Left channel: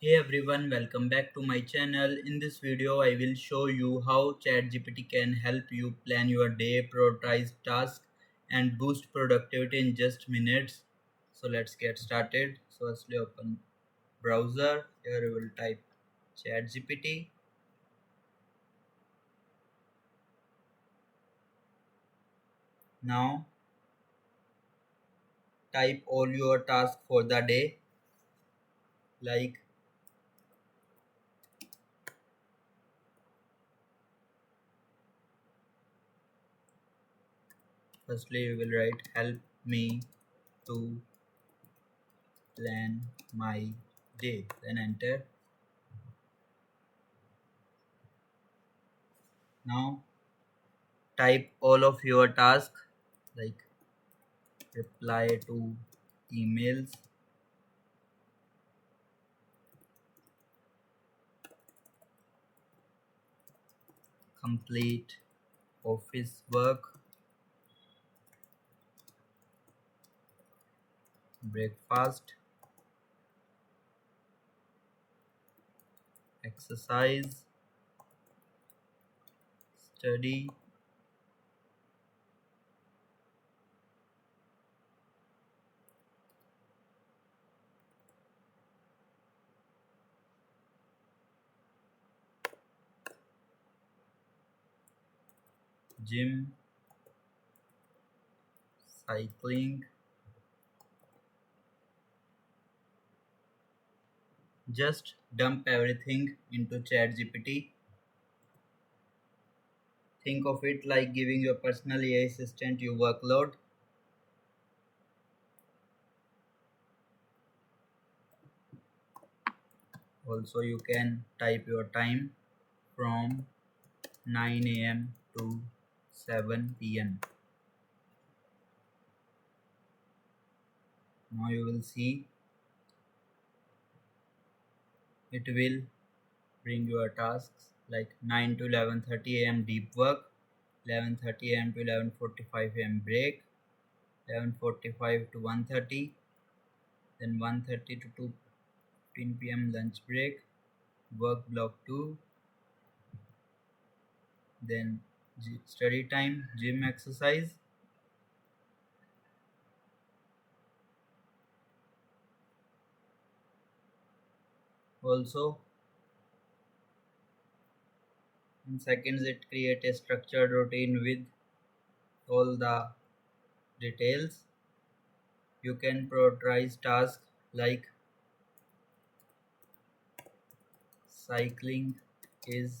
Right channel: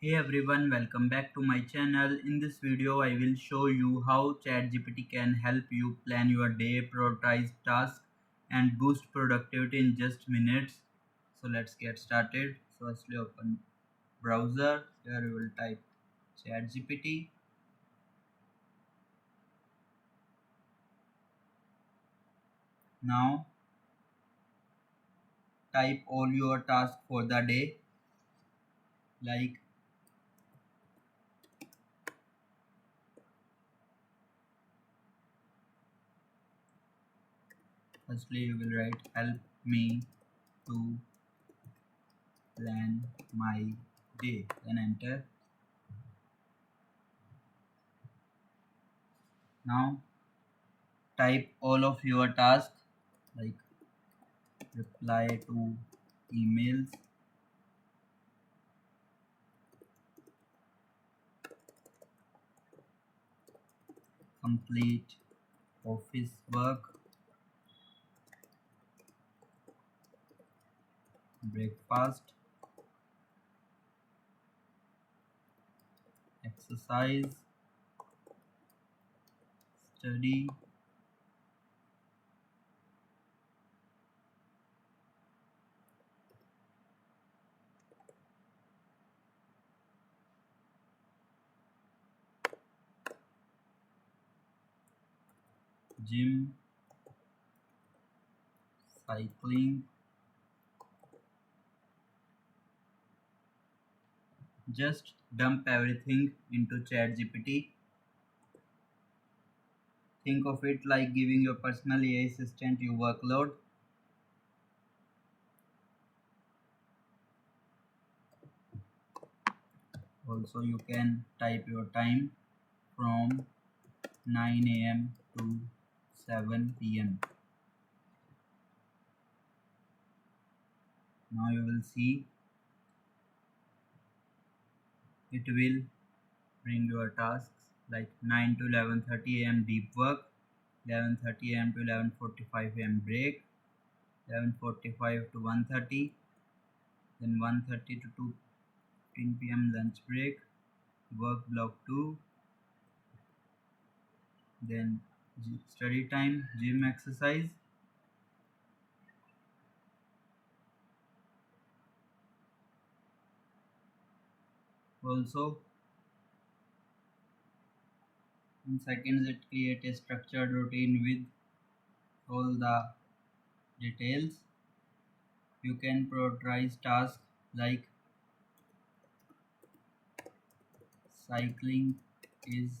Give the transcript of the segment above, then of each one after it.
Hey everyone, welcome back to my channel. In this video, I will show you how ChatGPT can help you plan your day, prioritize tasks, and boost productivity in just minutes. So let's get started. So firstly, open browser. Here you will type ChatGPT. Now type all your tasks for the day. Like firstly, you will write help me to plan my day. Then enter. Now type all of your tasks like reply to emails, complete office work, breakfast, exercise, study, gym, cycling. Just dump everything into ChatGPT. Think of it like giving your personal AI assistant your workload. Also, you can type your time from 9 a.m. to 7 p.m. Now you will see it will bring your tasks like 9 to 11:30 a.m. deep work, 11:30 a.m. to 11:45 a.m. break, 11:45 to 1:30, then 1:30 to 2:15 p.m. lunch break, work block 2, then study time, gym exercise. Also, in seconds, it create a structured routine with all the details. You can prioritize tasks like cycling is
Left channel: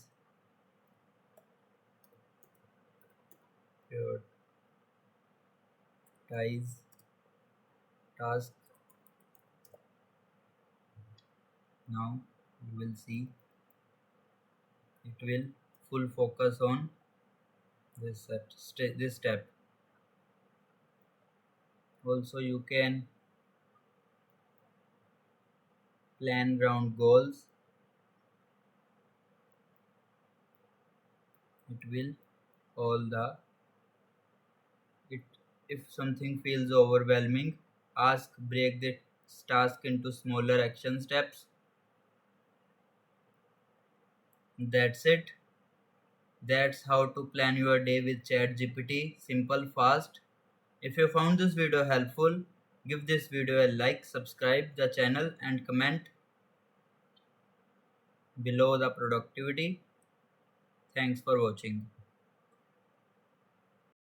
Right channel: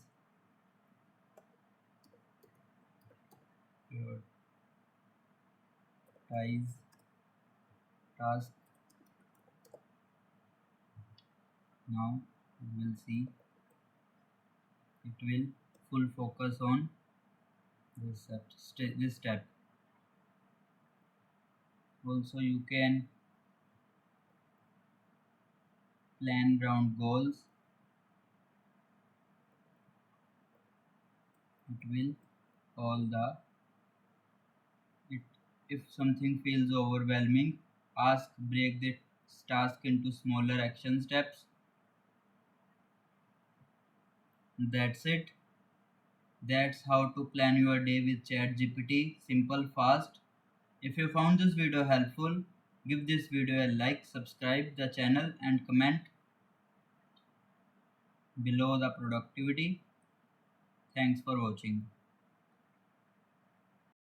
prioritize task. Now you will see it will full focus on this step. Also, you can plan round goals. It will all the it if something feels overwhelming, ask break the task into smaller action steps. That's it. That's how to plan your day with ChatGPT. Simple, fast. If you found this video helpful, give this video a like, subscribe the channel and comment below the productivity. Thanks for watching.